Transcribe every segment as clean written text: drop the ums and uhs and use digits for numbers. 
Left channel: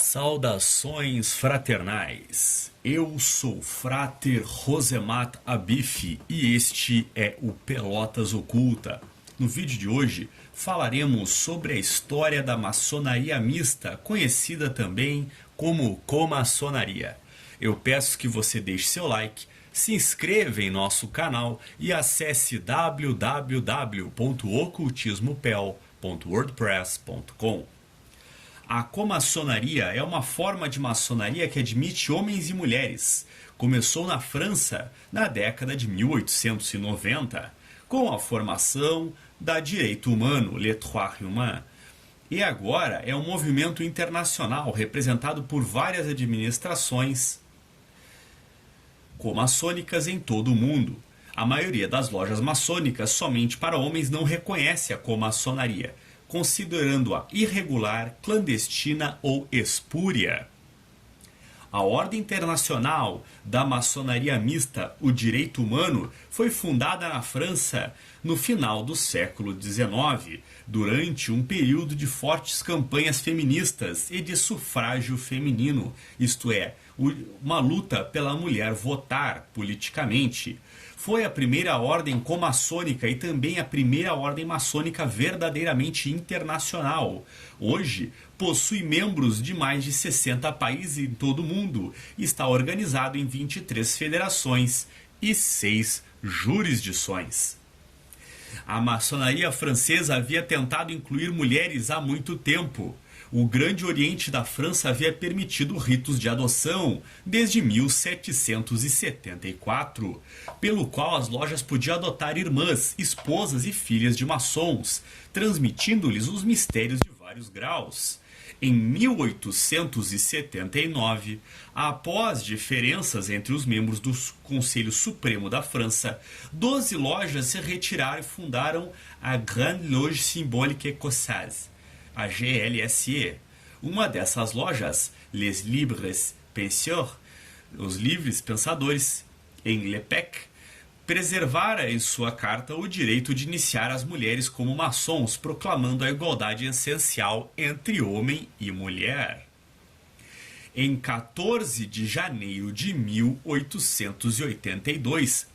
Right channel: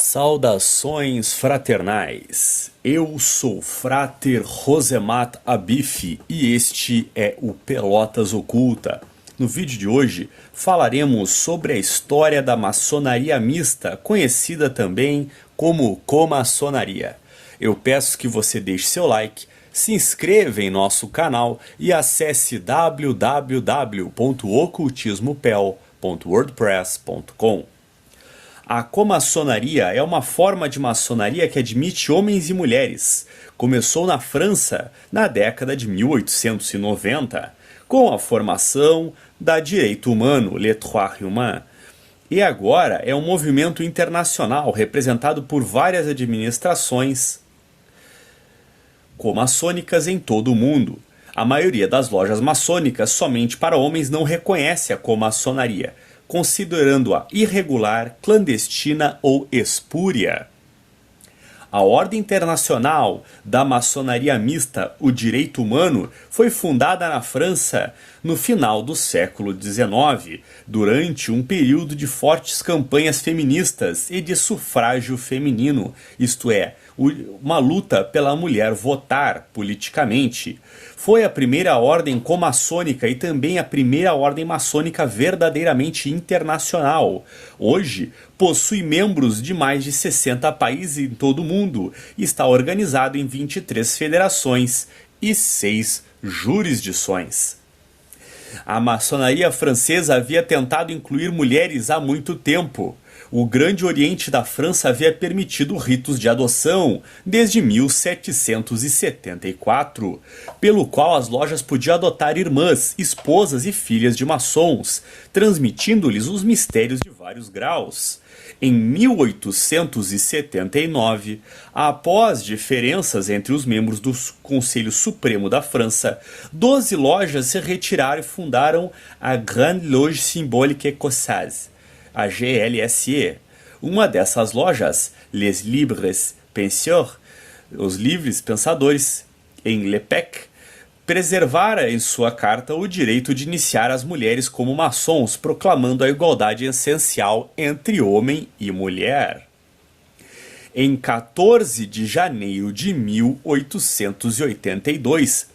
Saudações fraternais, eu sou Frater Rosemat Abif e este é o Pelotas Oculta. No vídeo de hoje falaremos sobre a história da maçonaria mista, conhecida também como comaçonaria. Eu peço que você deixe seu like, se inscreva em nosso canal e acesse www.ocultismopel.wordpress.com. A comaçonaria é uma forma de maçonaria que admite homens e mulheres. Começou na França na década de 1890, com a formação da direito humano, le droit humain. E agora é um movimento internacional representado por várias administrações comaçônicas em todo o mundo. A maioria das lojas maçônicas somente para homens não reconhece a comaçonaria, considerando-a irregular, clandestina ou espúria. A Ordem Internacional da Maçonaria Mista, o Direito Humano, foi fundada na França no final do século XIX, durante um período de fortes campanhas feministas e de sufrágio feminino, isto é, uma luta pela mulher votar politicamente. Foi a primeira ordem comaçônica e também a primeira ordem maçônica verdadeiramente internacional. Hoje, possui membros de mais de 60 países em todo o mundo e está organizado em 23 federações e 6 jurisdições. A maçonaria francesa havia tentado incluir mulheres há muito tempo. O Grande Oriente da França havia permitido ritos de adoção desde 1774, pelo qual as lojas podiam adotar irmãs, esposas e filhas de maçons, transmitindo-lhes os mistérios de vários graus. Em 1879, após diferenças entre os membros do Conselho Supremo da França, 12 lojas se retiraram e fundaram a Grande Loge Symbolique Écossaise, a GLSE. Uma dessas lojas, Les Libres Penseurs, os Livres Pensadores, em Le Pec, preservara em sua carta o direito de iniciar as mulheres como maçons, proclamando a igualdade essencial entre homem e mulher. Em 14 de janeiro de 1882,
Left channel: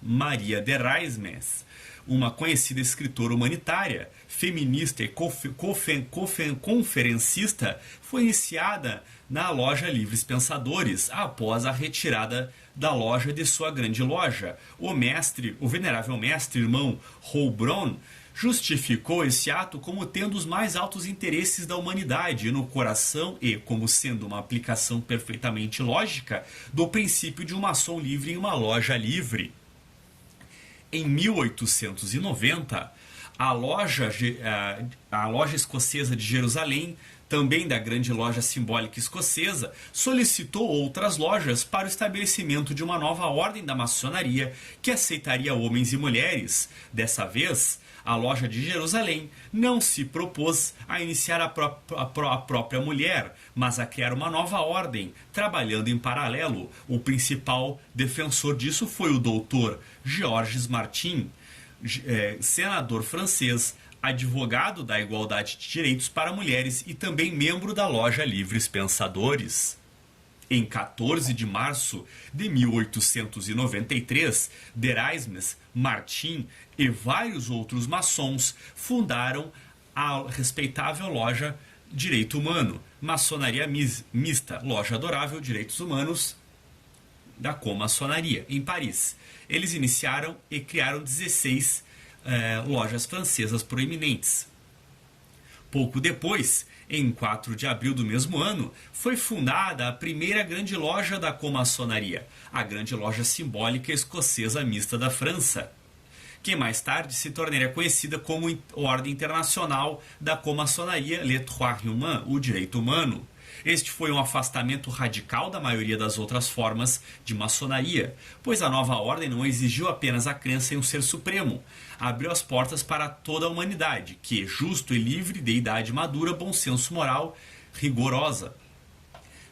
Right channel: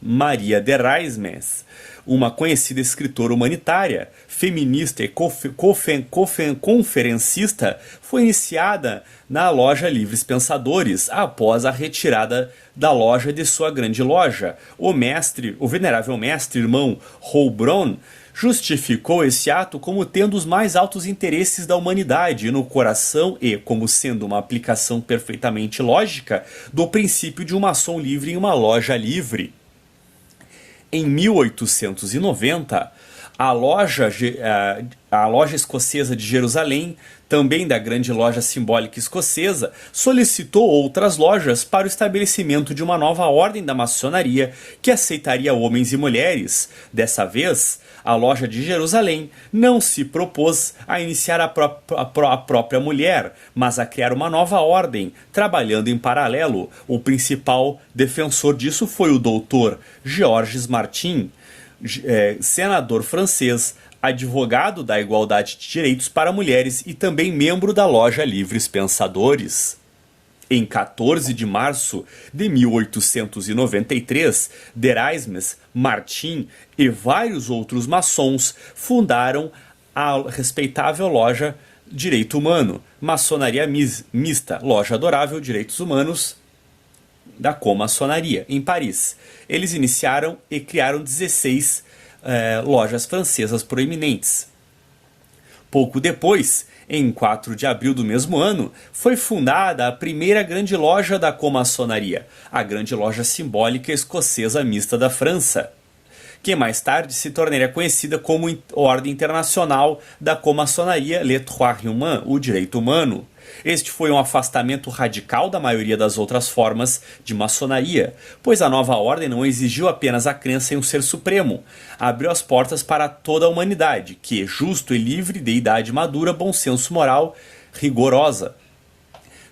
Maria de Raismes, uma conhecida escritora humanitária, feminista e conferencista, foi iniciada na loja Livres Pensadores após a retirada da loja de sua grande loja. O venerável mestre irmão Roubron justificou esse ato como tendo os mais altos interesses da humanidade no coração e como sendo uma aplicação perfeitamente lógica do princípio de um maçom livre em uma loja livre. Em 1890, a loja escocesa de Jerusalém, também da Grande Loja Simbólica Escocesa, solicitou outras lojas para o estabelecimento de uma nova ordem da maçonaria que aceitaria homens e mulheres. Dessa vez, a loja de Jerusalém não se propôs a iniciar a própria mulher, mas a criar uma nova ordem, trabalhando em paralelo. O principal defensor disso foi o Dr. Georges Martin, senador francês, advogado da igualdade de direitos para mulheres e também membro da loja Livres Pensadores. Em 14 de março de 1893, de Raismes, Martin e vários outros maçons fundaram a respeitável loja Direito Humano, Maçonaria Mista, Loja Adorável Direitos Humanos da Comaçonaria, em Paris. Eles iniciaram e criaram 16 lojas francesas proeminentes. Pouco depois, em 4 de abril do mesmo ano, foi fundada a primeira grande loja da comaçonaria, a Grande Loja Simbólica Escocesa Mista da França, que mais tarde se tornaria conhecida como Ordem Internacional da Comaçonaria, le droit humain, o direito humano. Este foi um afastamento radical da maioria das outras formas de maçonaria, pois a nova ordem não exigiu apenas a crença em um ser supremo, abriu as portas para toda a humanidade, que, justo e livre, de idade madura, bom senso moral, rigorosa.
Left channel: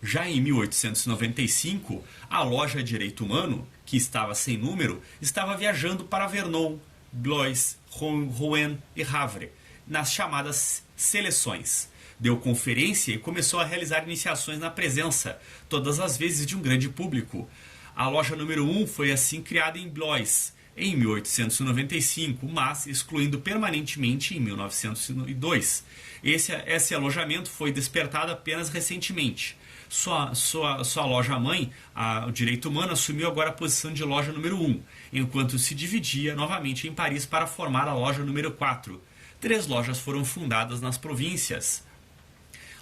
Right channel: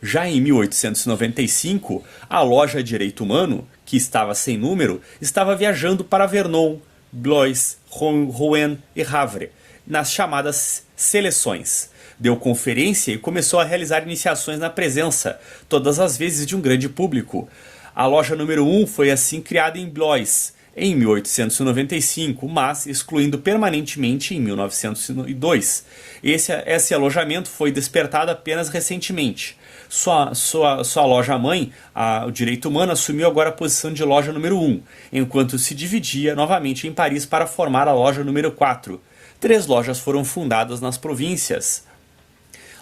Já em 1895, a loja Direito Humano, que estava sem número, estava viajando para Vernon, Blois, Rouen e Havre, nas chamadas seleções, Deu conferência e começou a realizar iniciações na presença, todas as vezes de um grande público. A loja número 1 foi assim criada em Blois, em 1895, mas excluindo permanentemente em 1902. Esse alojamento foi despertado apenas recentemente. Sua loja-mãe, o Direito Humano, assumiu agora a posição de loja número 1, enquanto se dividia novamente em Paris para formar a loja número 4. 3 lojas foram fundadas nas províncias.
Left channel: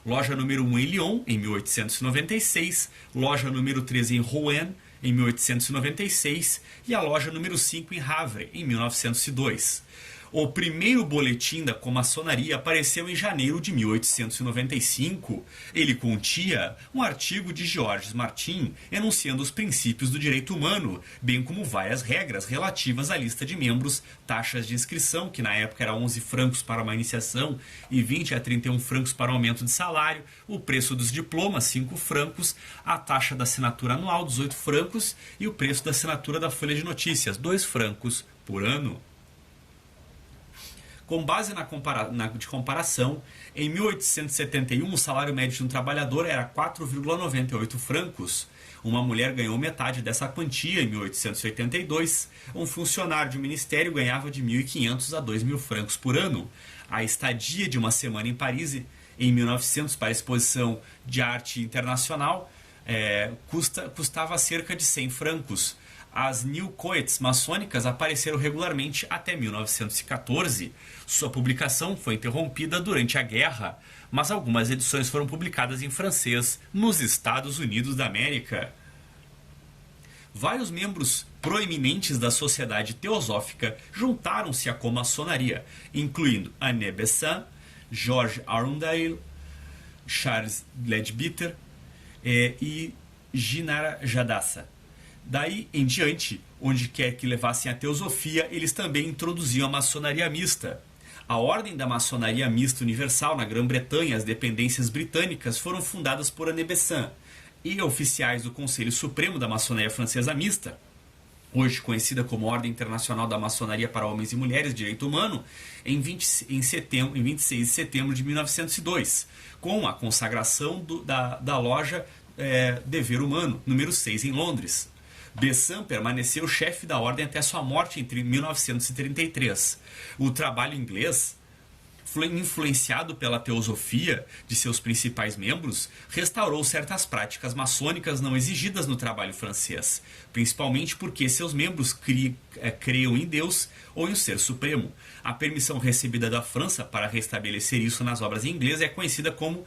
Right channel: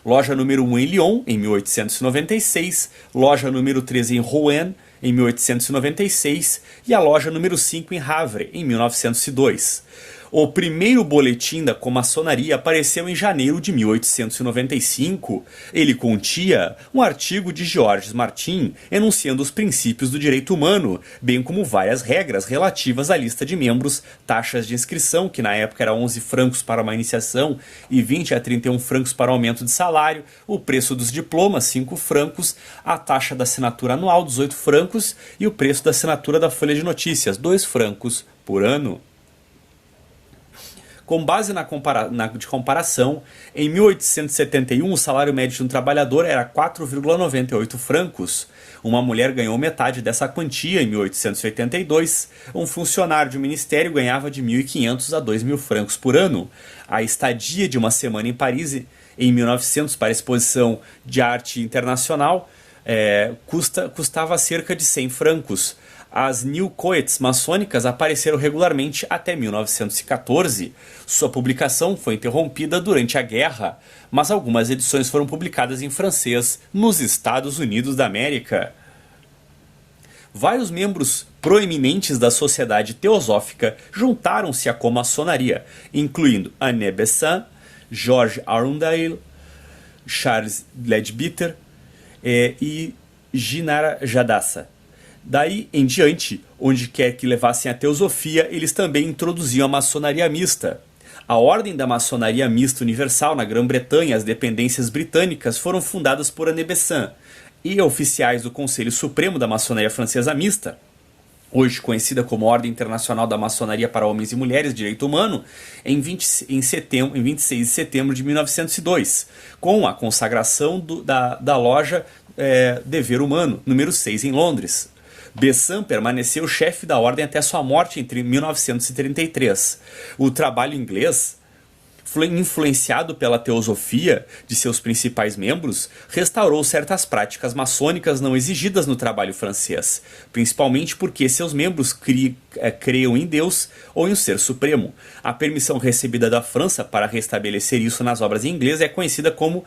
Loja número 1 em Lyon, em 1896, loja número 3 em Rouen, em 1896, e a loja número 5 em Havre, em 1902. O primeiro boletim da comaçonaria apareceu em janeiro de 1895. Ele continha um artigo de Georges Martin enunciando os princípios do direito humano, bem como várias regras relativas à lista de membros, taxas de inscrição, que na época era 11 francos para uma iniciação e 20 a 31 francos para o aumento de salário, o preço dos diplomas, 5 francos, a taxa da assinatura anual, 18 francos, e o preço da assinatura da folha de notícias, 2 francos por ano. Com base de comparação, em 1871 o salário médio de um trabalhador era 4,98 francos. Uma mulher ganhou metade dessa quantia em 1882. Um funcionário de um ministério ganhava de 1.500 a 2.000 francos por ano. A estadia de uma semana em Paris em 1900 para a exposição de arte internacional custava cerca de 100 francos. As New Coets maçônicas apareceram regularmente até 1914. Sua publicação foi interrompida durante a guerra, mas algumas edições foram publicadas em francês nos Estados Unidos da América. Vários membros proeminentes da sociedade teosófica juntaram-se à comaçonaria, incluindo Anne Besant, George Arundel, Charles Leadbeater e Ginara Jadassa. Daí em diante, onde quer que levassem a teosofia, eles também introduziam a maçonaria mista. A Ordem da Maçonaria Mista Universal na Grã-Bretanha e as dependências britânicas foram fundadas por Anne Besant, e oficiais do Conselho Supremo da Maçonaria Francesa Mista, hoje conhecida como Ordem Internacional da Maçonaria para Homens e Mulheres Direito Humano, em 26 de setembro de 1902, com a consagração da loja Dever Humano, número 6, em Londres. Besant permaneceu chefe da ordem até sua morte em 1933. O trabalho inglês, influenciado pela teosofia de seus principais membros, restaurou certas práticas maçônicas não exigidas no trabalho francês, principalmente porque seus membros creiam em Deus ou em um ser supremo. A permissão recebida da França para restabelecer isso nas obras em inglês é conhecida como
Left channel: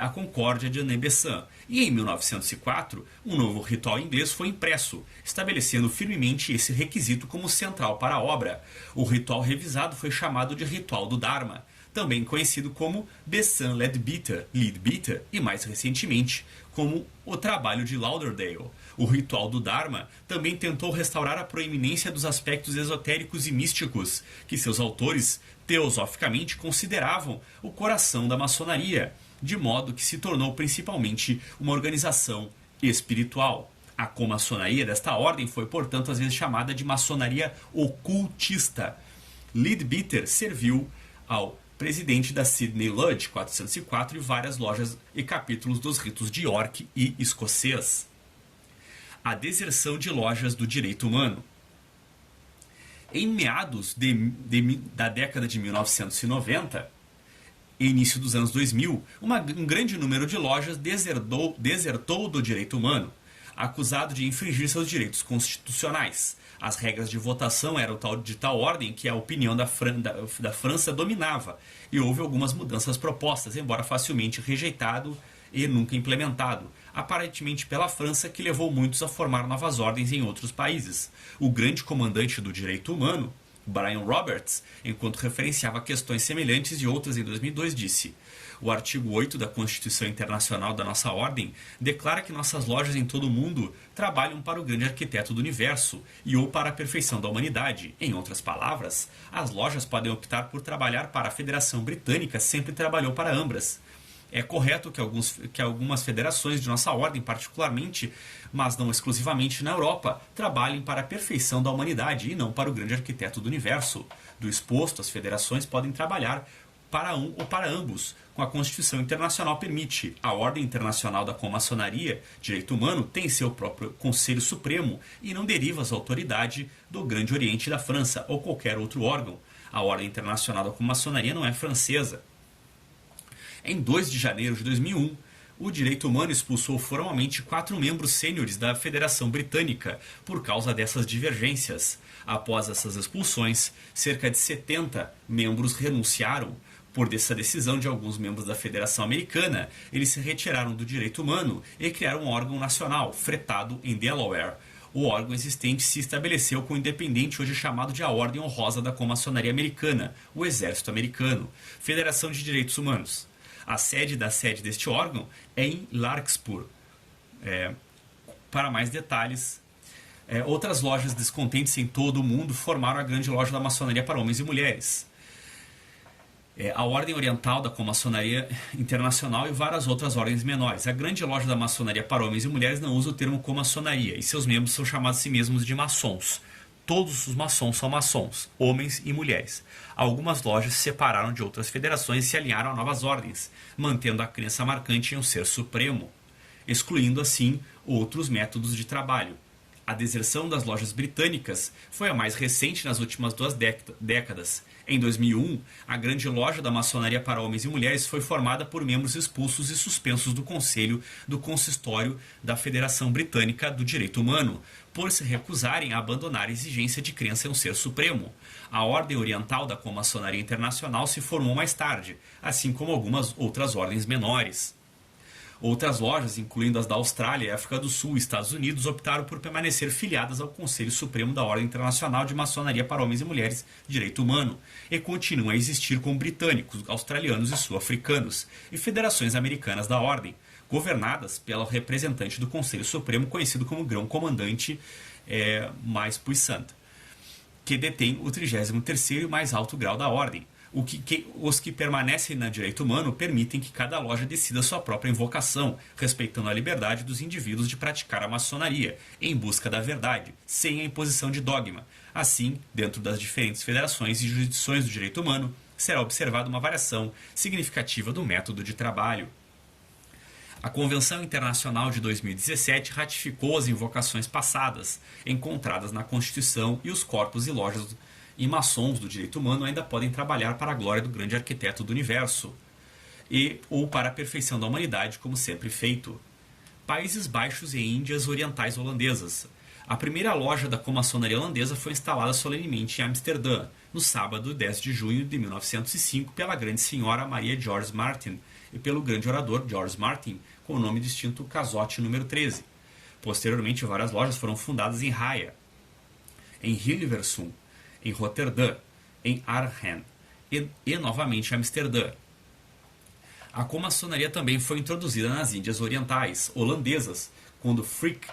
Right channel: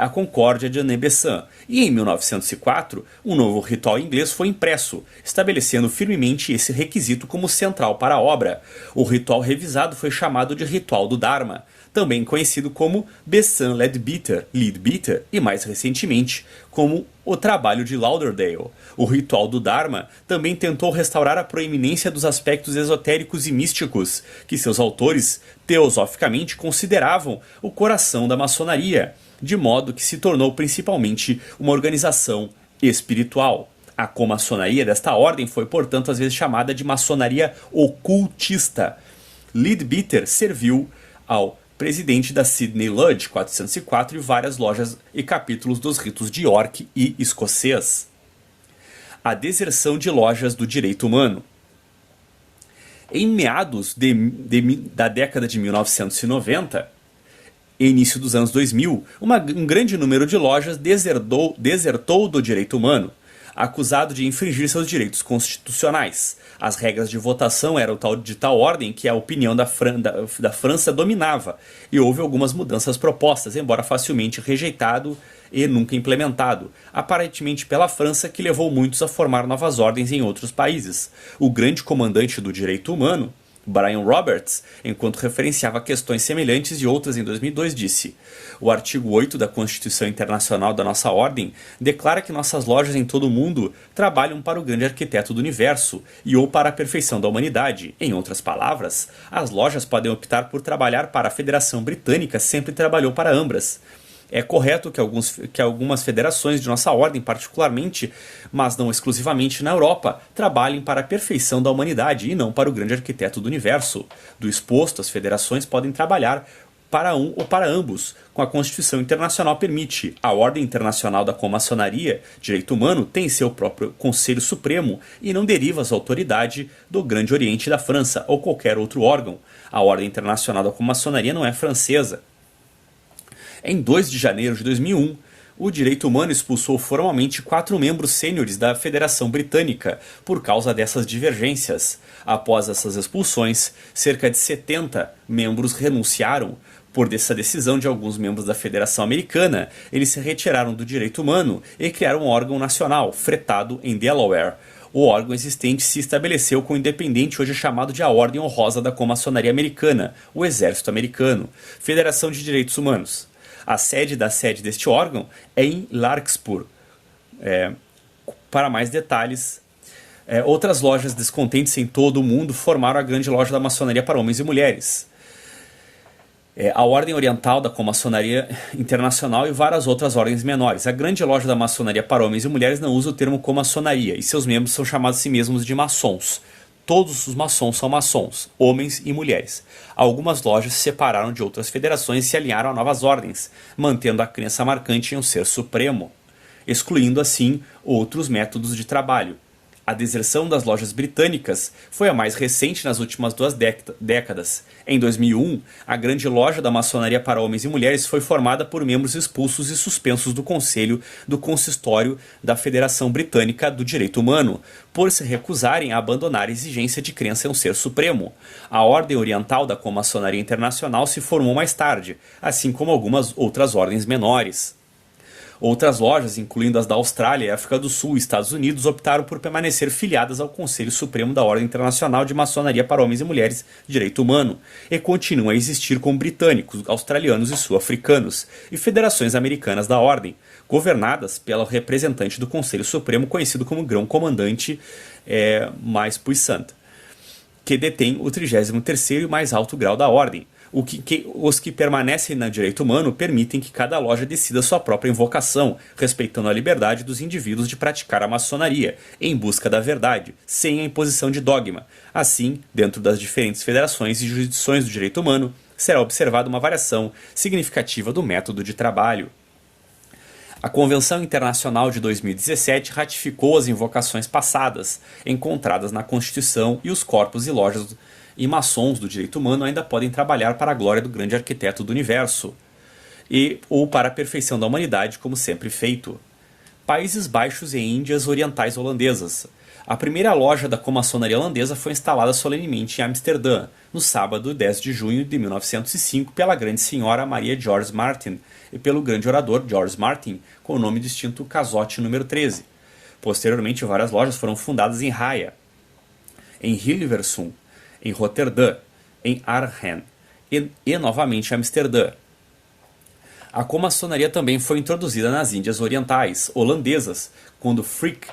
a Concórdia de Anne Besant. E em 1904, um novo ritual inglês foi impresso, estabelecendo firmemente esse requisito como central para a obra. O ritual revisado foi chamado de Ritual do Dharma, também conhecido como Besant Leadbeater e mais recentemente como o Trabalho de Lauderdale. O Ritual do Dharma também tentou restaurar a proeminência dos aspectos esotéricos e místicos que seus autores teosoficamente consideravam o coração da maçonaria, de modo que se tornou principalmente uma organização espiritual. A comaçonaria desta ordem foi, portanto, às vezes chamada de maçonaria ocultista. Leadbeater serviu ao presidente da Sidney Lodge 404 e várias lojas e capítulos dos ritos de York e escocês. A deserção de lojas do direito humano. Em meados da década de 1990, e início dos anos 2000, um grande número de lojas desertou do direito humano, acusado de infringir seus direitos constitucionais. As regras de votação eram de tal ordem que a opinião da França dominava, e houve algumas mudanças propostas, embora facilmente rejeitado e nunca implementado, aparentemente pela França, que levou muitos a formar novas ordens em outros países. O grande comandante do direito humano, Brian Roberts, enquanto referenciava questões semelhantes e outras em 2002, disse: o artigo 8 da Constituição Internacional da nossa Ordem declara que nossas lojas em todo o mundo trabalham para o grande arquiteto do universo e ou para a perfeição da humanidade. Em outras palavras, as lojas podem optar por trabalhar para a Federação Britânica, sempre trabalhou para ambas. É correto que algumas federações de nossa ordem, particularmente, mas não exclusivamente na Europa, trabalhem para a perfeição da humanidade e não para o grande arquiteto do universo. Do exposto, as federações podem trabalhar para um ou para ambos, como a Constituição Internacional permite. A Ordem Internacional da Comaçonaria, Direito Humano, tem seu próprio Conselho Supremo e não deriva sua autoridade do Grande Oriente da França ou qualquer outro órgão. A Ordem Internacional da Comaçonaria não é francesa. Em 2 de janeiro de 2001, o Direito Humano expulsou formalmente 4 membros sêniores da Federação Britânica por causa dessas divergências. Após essas expulsões, cerca de 70 membros renunciaram. Por essa decisão de alguns membros da Federação Americana, eles se retiraram do Direito Humano e criaram um órgão nacional, fretado em Delaware. O órgão existente se estabeleceu como independente, hoje chamado de a Ordem Honrosa da Comaçonaria Americana, o Exército Americano, Federação de Direitos Humanos. A sede deste órgão é em Larkspur. Para mais detalhes, outras lojas descontentes em todo o mundo formaram a grande loja da maçonaria para homens e mulheres. A Ordem Oriental da Comaçonaria Internacional e várias outras ordens menores. A grande loja da maçonaria para homens e mulheres não usa o termo comaçonaria, e seus membros são chamados a si mesmos de maçons. Todos os maçons são maçons, homens e mulheres. Algumas lojas se separaram de outras federações e se alinharam a novas ordens, mantendo a crença marcante em um ser supremo, excluindo assim outros métodos de trabalho. A deserção das lojas britânicas foi a mais recente nas últimas 2 décadas. Em 2001, a grande loja da maçonaria para homens e mulheres foi formada por membros expulsos e suspensos do Conselho do Consistório da Federação Britânica do Direito Humano, por se recusarem a abandonar a exigência de crença em um ser supremo. A Ordem Oriental da Comaçonaria Internacional se formou mais tarde, assim como algumas outras ordens menores. Outras lojas, incluindo as da Austrália, África do Sul e Estados Unidos, optaram por permanecer filiadas ao Conselho Supremo da Ordem Internacional de Maçonaria para Homens e Mulheres de Direito Humano e continuam a existir como britânicos, australianos e sul-africanos, e federações americanas da Ordem, governadas pelo representante do Conselho Supremo, conhecido como Grão-Comandante mais Puissant, que detém o 33º e mais alto grau da Ordem. Os que permanecem no direito humano permitem que cada loja decida sua própria invocação, respeitando a liberdade dos indivíduos de praticar a maçonaria, em busca da verdade, sem a imposição de dogma. Assim, dentro das diferentes federações e jurisdições do direito humano, será observada uma variação significativa do método de trabalho. A Convenção Internacional de 2017 ratificou as invocações passadas, encontradas na Constituição, e os corpos e lojas e maçons do direito humano ainda podem trabalhar para a glória do grande arquiteto do universo, ou para a perfeição da humanidade, como sempre feito. Países Baixos e Índias Orientais Holandesas. A primeira loja da comaçonaria holandesa foi instalada solenemente em Amsterdã, no sábado 10 de junho de 1905, pela grande senhora Maria George Martin e pelo grande orador George Martin, com o nome distinto Cazotte número 13. Posteriormente, várias lojas foram fundadas em Haia, em Hilversum, em Roterdã, em Arnhem e novamente em Amsterdã. A comaçonaria também foi introduzida nas Índias Orientais holandesas, quando Frick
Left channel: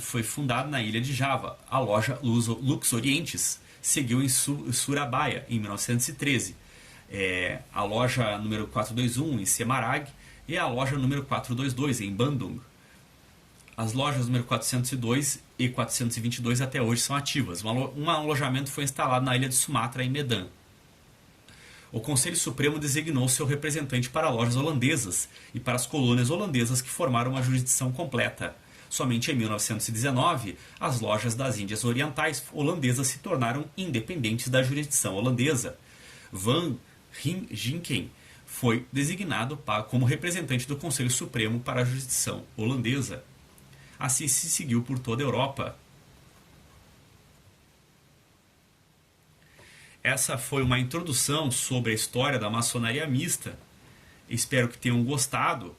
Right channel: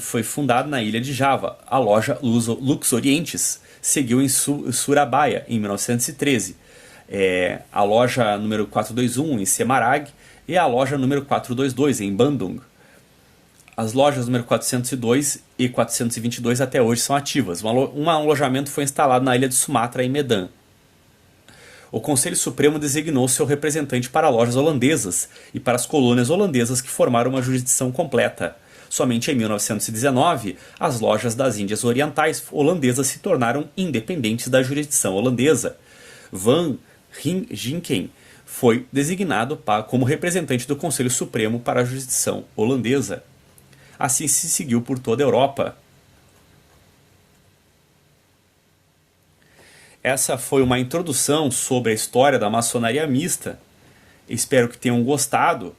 foi fundada na ilha de Java. A loja Lux Orientes seguiu em Surabaya, em 1913. A loja número 421 em Semarang e a loja número 422 em Bandung. As lojas número 402 e 422 até hoje são ativas. Um alojamento foi instalado na ilha de Sumatra, em Medan. O Conselho Supremo designou seu representante para lojas holandesas e para as colônias holandesas que formaram uma jurisdição completa. Somente em 1919, as lojas das Índias Orientais holandesas se tornaram independentes da jurisdição holandesa. Van Ginken foi designado como representante do Conselho Supremo para a jurisdição holandesa. Assim se seguiu por toda a Europa. Essa foi uma introdução sobre a história da maçonaria mista. Espero que tenham gostado.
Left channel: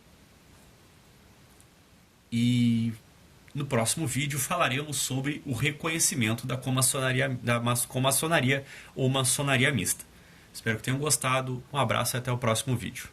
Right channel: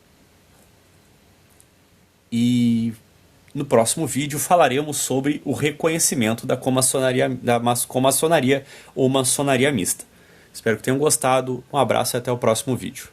E no próximo vídeo falaremos sobre o reconhecimento da comaçonaria ou maçonaria mista. Espero que tenham gostado. Um abraço e até o próximo vídeo.